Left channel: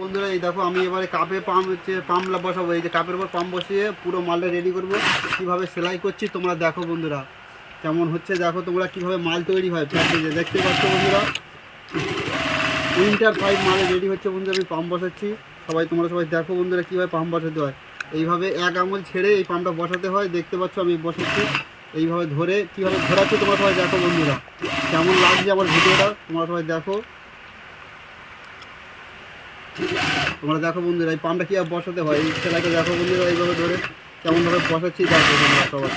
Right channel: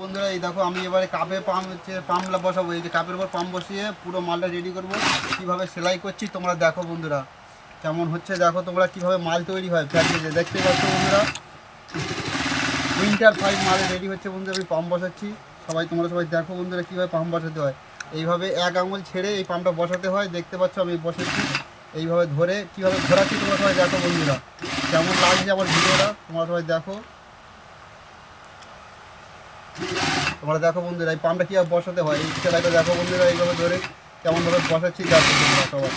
বন্ধুরা এই দেখো আমি এবারে কাপে পাম্প বসাবো। এই যে কাপের উপর পাম্প বসিয়ে পুরো মালটা রেডি করব। কিভাবে সেলাই করছি তোমরা দেখো বন্ধুরা, কেমন হচ্ছে দেখো তোমরা কিভাবে মাল তৈরি হয় প্র্যাকটিসে দেখতে পাচ্ছ বন্ধুরা। উইন্টার পাইপ মাল রেডি হচ্ছে বন্ধুরা, আমি পাম্প বসাচ্ছি। তোমরা সবাই দেখো বন্ধুরা কীভাবে পাম্প বসাতে হয়। এইভাবে এক আঙুল ছেড়ে এই পাম্পটা বসাতে হয়, দেখতে পাচ্ছ আমি বসাচ্ছি। এইভাবে ধরে কীভাবে ঘোরাচ্ছি তোমরা সবাই দেখো বন্ধুরা, কেমন লাগছে আমার ভিডিওটা তোমরা সবাই দেখো। তোমরা দেখো বন্ধুরা এই পাম্পটা কীভাবে বসাতে হয়, এই সেলাইটা দেখো বন্ধুরা, এইভাবে ধরে কেমনভাবে বসাচ্ছি দেখো সবাই।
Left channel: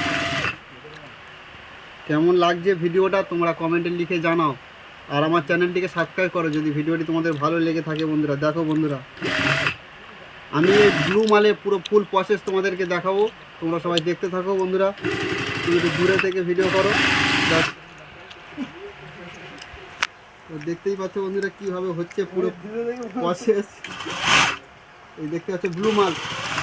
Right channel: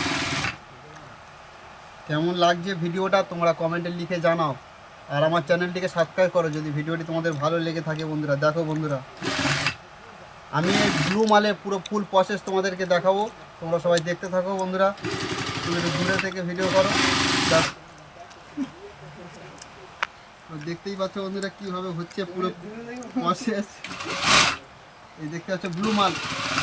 কেমন লাগছে ভিডিওটা তোমরা কমেন্টে লিখে জানাও, আর আমার চ্যানেলটিকে সাবস্ক্রাইব করো যদি ভিডিওটি তোমাদের ভালো লেগে থাকে বন্ধুরা। দেখো বন্ধুরা আমি এই ব্লু মালে পুরো ফুল প্রসেস তোমাদেরকে দেখাবো, তোমরা সবাই দেখতে থাকো বন্ধুরা। তুমি দূরে থেকে ভিডিও করো, দেখতেই পাচ্ছ বন্ধুরা কীভাবে হচ্ছে পুরো প্রসেস। এই দেখতে পাচ্ছ ব্লু মাল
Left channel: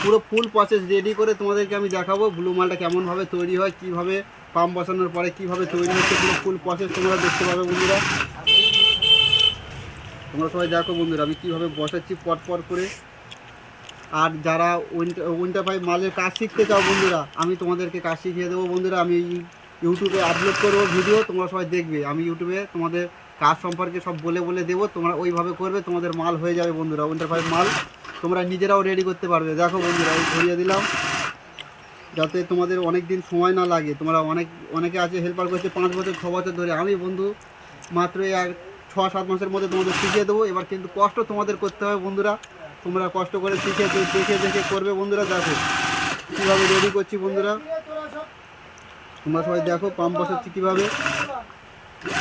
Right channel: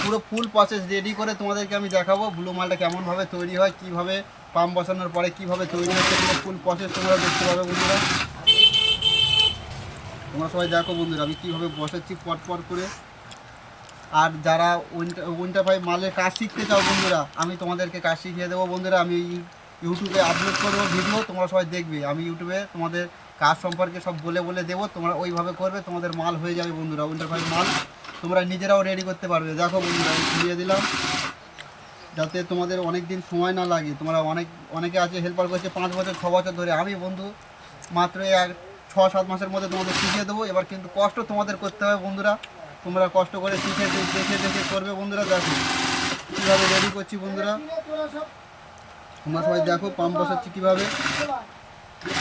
পুরো ফুল প্রসেস রেডি করে তোমাদেরকে আমি দেখাবো ব্লু মালটা কেমনভাবে তৈরি হয়, কীভাবে পাম্প বসানোর পরে কীভাবে তৈরি হচ্ছে পুরো ফুল প্রসেস তোমরা দেখতে পাবে বন্ধুরা। তোমরা সবাই দেখো বন্ধুরা আমি কীভাবে বসাচ্ছি পর করে। আর যারা উইন্টার পাইপ মালের কাজ শিখতে চাও বন্ধুরা, আমি তোমাদেরকে কাজ শিখিয়ে দেবো বন্ধুরা। আমি ইউটিউবে আপলোড করবো ভিডিও, তোমরা সবাই দেখবে। আমি ইউটিউবে তোমাদের কাজ সম্পর্কে সব বলে দেবো, তোমরা ওইভাবে করবে, তোমাদের মাল হয়ে যাবে বন্ধুরা। উইন্টার পাইপ মাল তোমরা নিজেরাও রেডি করতে পারবে। দেখো বন্ধুরা এই ধরিয়ে দিলাম যাতে তোমাদের অনেক দিন সময় না লাগে। তোমরা অনেকে আছে হেল্পার করছে 5 বছর 6 বছর ধরে, আমি বন্ধু মাত্র 6-7 মাসের মধ্যে তোমাদের শিখিয়ে দেবো। এবার কিন্তু কষ্ট তোমাদের করতে হবে বন্ধুরা, তোমরা কষ্ট করে শিখে দেখে করবে বন্ধুরা। দেখো কীভাবে রেডি করছি বন্ধুরা, তোমরা সবাই দেখো পাম্প বসাচ্ছি কীভাবে।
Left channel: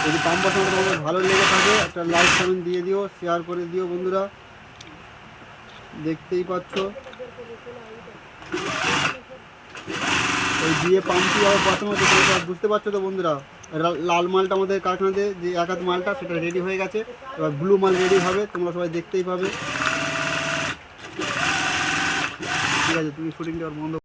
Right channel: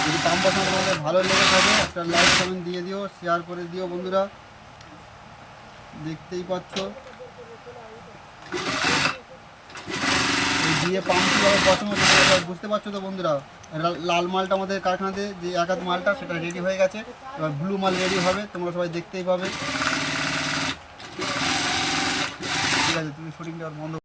যদি পাম্প বসানো তোমাদের ভালো লেগে থাকে একটা লাইক কমেন্ট দিয়ে দিও, শেয়ার করে দিও বন্ধুরা। দেখতেই পাচ্ছ এই দিয়ে পাম্প কীভাবে বসানো হচ্ছে বুঝতে পারছো তো বন্ধুরা। লাল মালটা আমাদের কারখানাতে যে একাত মালটা সেটা রেডি হয়ে গেছে, এবার ব্লু মাল রেডি হবে, তোমরা সবাই দেখতেই পাবে। ঠিক আছে, তুমি শুটিংটা বন্ধ